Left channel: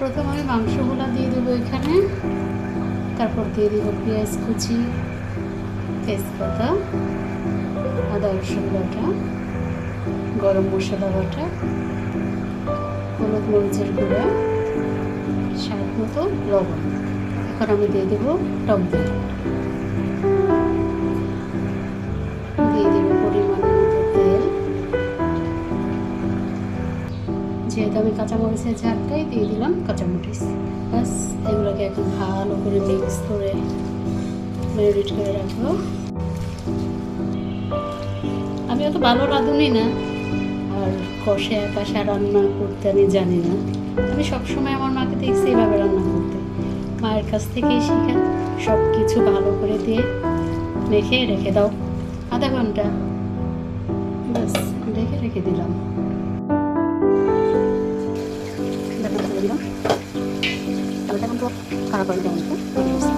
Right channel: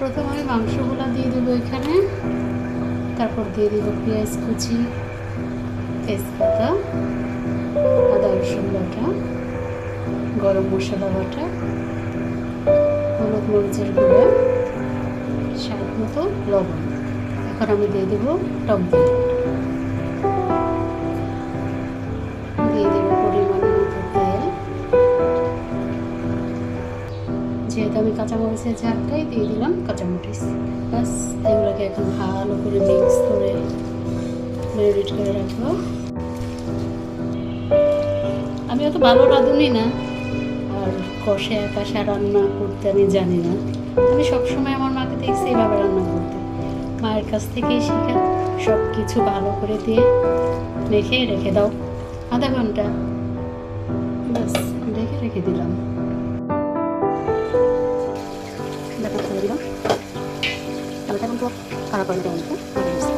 প্রথম আমি মাংসগুলো দিয়ে দেবো এখানে, তারপর দিয়ে দেবো পেঁয়াজ কুচি, তেজপাতা, আদা রসুন বাটা, গরম মশলা বাটা, হলুদ মরিচের গুঁড়া, স্বাদ মতো লবণ। এখন আমি দিয়ে দেবো টক দই, দিয়ে দেবো পরিমাণ মতো তেল। যেহেতু আমি কাঁচামরিচের ঝালটাই দিয়ে দিলাম কাঁচামরিচ। ব্যাস এগুলোকে এখন ভালো করে মিক্স করে ম্যারিনেট করে রাখবো। আমি অত ভালো রাঁধুনি না, আর কষা কাঁসা রান্না করতে আমি জানি না। আমি সবসময় আমার মাকে দেখছি এভাবে রান্না করতে, মায়ের কাছ থেকেই শেখা। সব কিছু ভালো করে দিয়ে মেখে রেখে দাও আধা ঘন্টা, ব্যাস রেখে দিলাম। দিলাম তাহলে এখন তো খারাপ হয়ে যাবে।